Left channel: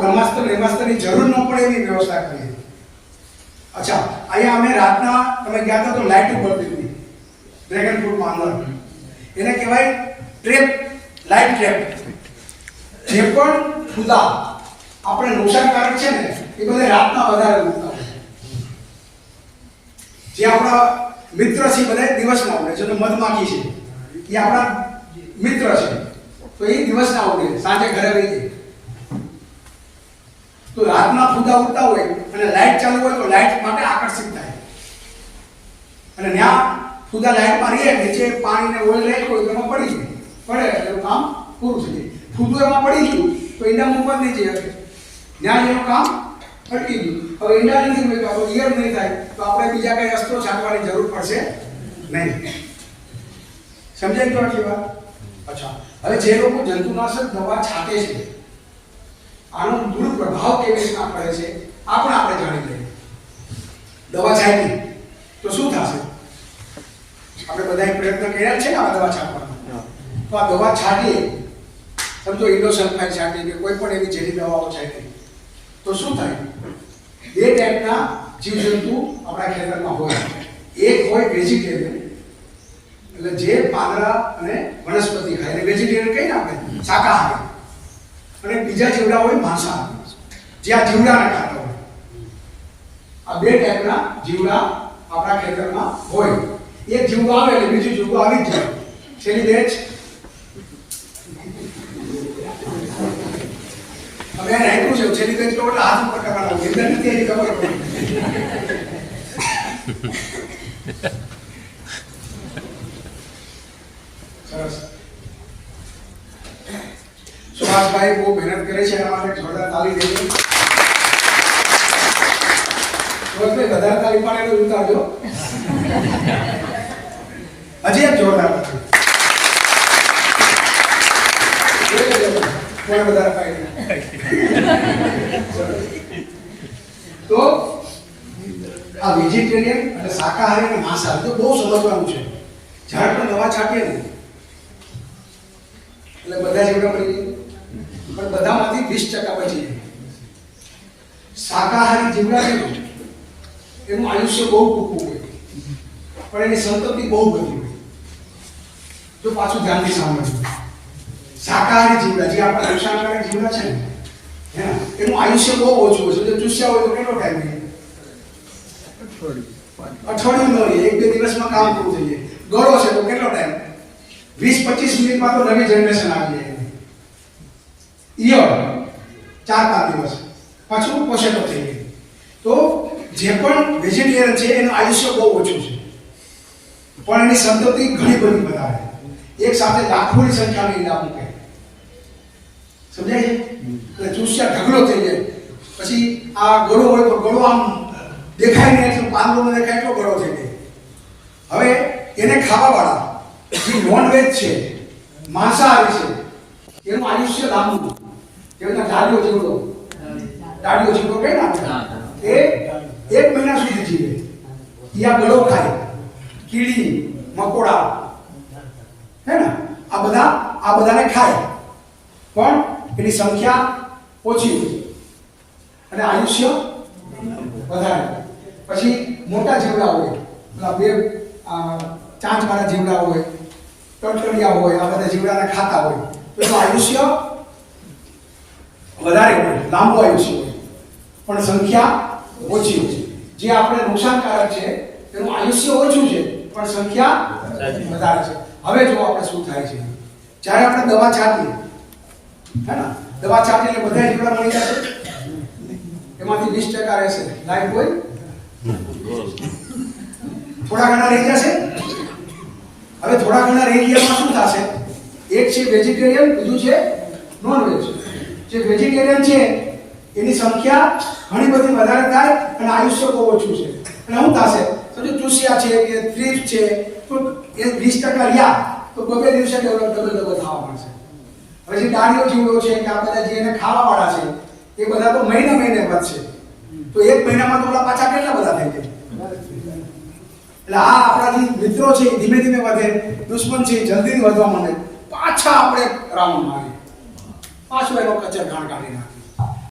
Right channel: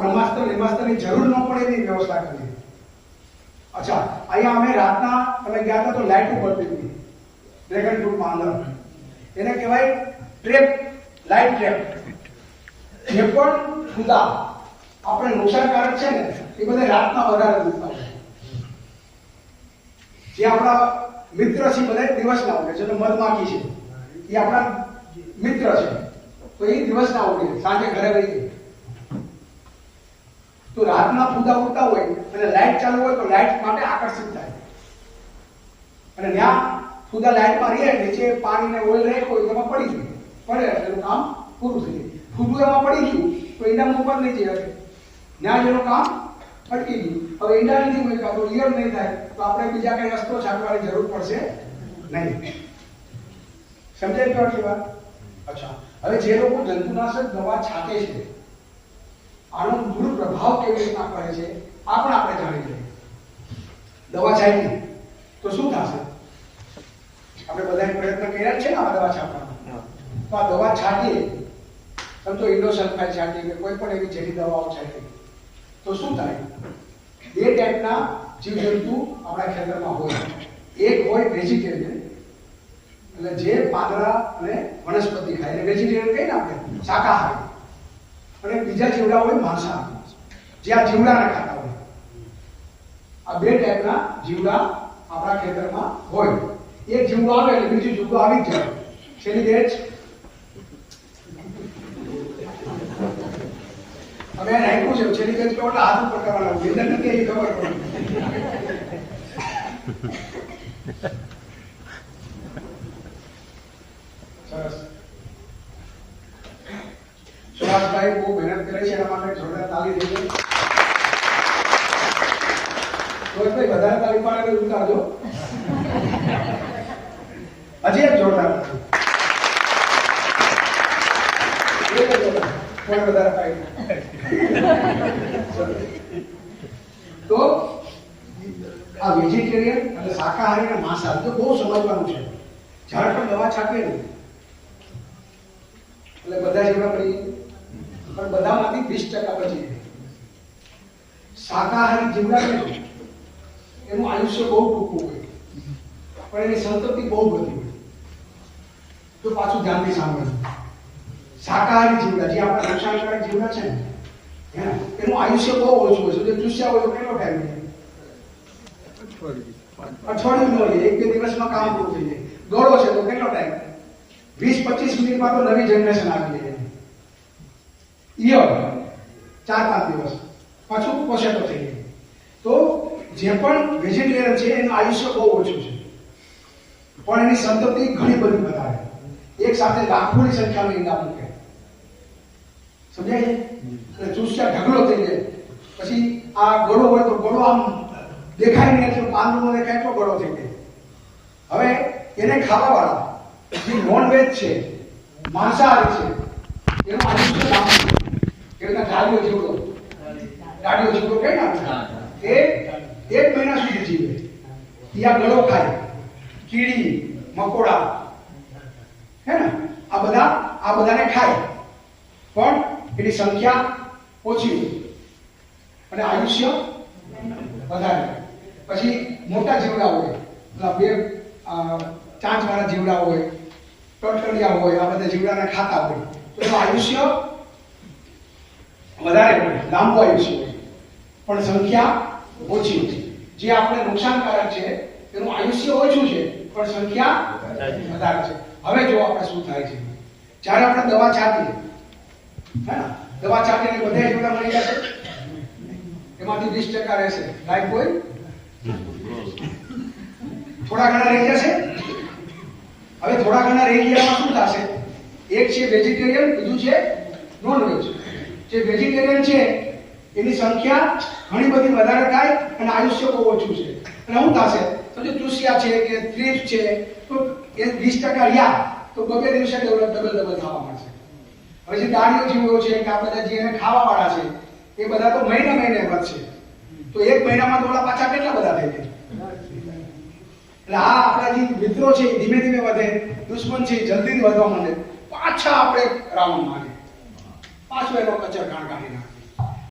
બ્રહ્માસ્ત્ર, બ્રહ્માસ્ત્રની જરૂર ન પડે એવી વ્યવસ્થા કરી. અચ્છા, અહીંયા અમે રાતના, તમે ગયા હતા તો લાઇટ ઉપર હતી ડ્રેગન ફ્રૂટમાં અંદર. એને કહેવાય ટ્રેપ લાઇટ ટ્રેપ. જે પણ ખુદા આપણે નુકસાનકારક છે ને, એ બધે રાતના વધારે નુકસાન. જે આપણા મિત્ર છે બધા દિવસના ઉડે છે મધમાખી છે. એ આપણા મિત્ર છે. તો એ દિવસના ઉડે, સાંજે ઘરે જાય. તો રાતના ફૂદા ઉડતા હોય અને લાઇટ ચાલુ હોય તો લાઇટ માટે આકર્ષિત થાય. અને ત્યાં ફૂદા લાઇટમાં રહીએ નીચે પાણીને નાખ્યું હોય તો એમાં પડી જાય. પડે એનું કામ પૂરું થઈ જાય. ફૂદું એમાં પડી ગયું, તો ઈંડા મૂકવા નહીં જઈ શકે. ત્યાં એનું કામ અટકી ગયું. હવે ઈંડા નથી મૂક્યા, તો ઈયર નહીં થાય. તો આપણે બીજા કઈ રસ્તો છાંટવાની જરૂર પડશે નહીં. સમજાય તો આટલી વાત? અચ્છા. હવે જે લોકો જંતુનાશક દવા છાંટે છે આનો દુષ્પ્રભાવ કેવી રીતના પડે છે આ પણ આપણે જાણી લઈએ. દવા છાંટી. તો શું થશે? આપણે બધાએ પ્રયત્ન કર્યા છે ને આ દવા છાંટવાનો? તો આ દવા છાંટીએ. સમજો ઇન્ડોસલ્ફાઇન છાંટી કે કોઈ પણ એવી ઝેરી દવાઓ છાંટી તો શું થાય? બે ટાઈપના જીવજંતુ આપણા ખેતરમાં હોય. એક હોય વેજીટેરિયન એટલે જે પાંદડા અને વનસ્પતિ ખાય. એટલે વેજીટેરિયન કહીને આપણે? શાકાહારી. અને બીજા જીવડા હોય માંસાહારી જે આ જીવડાના ખાતા હોય. આ બે ટાઈપના જીવડા આપણા ખેતરમાં હોય. એક જીવડું આવે એટલે બીજું જીવડું આવી જ જાય. છેલ્લી બેચ હવે એને આપ્યું છે, છેલ્લી બેચ તો હાથ ઉપર કરવાનો નથી એની ખબર સુભાષભાઈ બહુ મહેનત કરે છે, એના માટે જોરદાર તાલી દેજો સુભાષભાઈ વધારે તાલી પાડે ઉતારજો. હજી એક જોરદાર પાડી તો આ વેજીટેરિયન અને શાકાહારી અને માંસાહારી તો બહુ સમજવાનું છે. ઝાડ પર દવા છાંટીએ ને, એટલે બધા જેવડા પડી જાય. પણ બધામાંથી વીસ ટકા બચી જાય. શાકાહારી જીવડા એનું આયુષ્ય બહુ ટૂંકું હોય. પણ એની સંતતિ બહુ બધી હોય. તો પાછું ધ્યાનથી સાંભળ્યું શાકાહારી જીવડા જે આપણા નુકસાનકારક જીવડા છે ને, એનું આયુષ્ય બહુ ઓછું હોય. છે જો ચૂસ્યા હોય તો કેટલો ટાઈમ લઈએ અઠવાડિયું ન એક બે દિવસમાં કામ પૂરું થઈ જાય. ગળો છે તો કેટલો ટાઈમ વીસ પચીસ મિનિટમાં તો નવી જનરેશન આવી જાય. ઈયળ, ચાર પાંચ દિવસ. પાછું પોષકો થઈ ગયું. તો જે પણ વેજીટેરિયન છે, એનું આયુષ્ય બહુ ઓછું છે. પણ એની સંતતિ ઘણી બધી વધારે. એક સાથે લાખોની સંખ્યામાં ઈંડા મૂકે. સમજાય? એટલે ચૂસ્યા ઢગલો થઈ જાય. પછી આ ગળો હોય તો ગળો આમ દેખાય નહીં, એટલો પાંદડો ન દેખાય, એટલો ગળો થઈ જાય. હવે એને ખાવાવાળા જે નોન વેજ છે, માંસાહારી છે, એનું આયુષ્ય લાંબુ રીતે ડાળીઓ જીવડો ડાળીઓ જીવડો કહે ના એ એક મહિના સુધી જીવે. ઈ ગળો ખાય કીડી મકોડા. હે ને? આ બધા આ બધાને ખાય. પણ એની સંખ્યા ઓછી અને આયુષ્ય વધારે પછી મોટા જીવડા હોય. પેલા બે ચાંચવાળા જીવડા હોય ટટકડિયા હોય આ બધા જીવડાને ખાતા હોય. તો આયુષ્ય વધારે લાંબો આયુષ્ય પણ સંખ્યા ઓછી હોય જે આપણે નુકસાનકારક છે તેનું આયુષ્ય ઓછું છે પણ સંખ્યા વધારે છે. હવે જો આપણે શું થાય છે? જ્યારે આપણે દવા છાંટીએ હે ને? દવા છાંટીને બધા જીવડા મળી જશે એમાંથી વીસ ટકા રહેશે. લાઈફ હોય? થોડા ઘણા રહી જશે? હવે થોડા ઘણા રહી ગયામાં શું થશે? એક છે વેજીટેરિયન બીજું છે નોન વેજ જે વેજીટેરિયન છે, એની સંખ્યા ઘણી બધી વધારે થાય અને આયુષ્ય બહુ ઓછું છે. અને શું થશે? તો જે ચૂસિયા છે કે થ્રીપ છે, તો એ વીસ ટકા રહ્યા તો બબે દિવસે ડબલ ડબલ ડબલ થવા મળશે હવે જે ડાળીઓ જીવો છે કે આ બધા જે એને ખાવાવાળા છે, એ બધા તો મહિને મહિને વધશે. તો એક મહિનામાં તો પાછા કેટલા બધા થઈ જાય એટલે આ આપણા જે મિત્રો છે ધીમે ધીમે વધે, દુશ્મન છે જલ્દી વધવા માંડે. પાછા આપણે 아시바이로까지 가능합니다.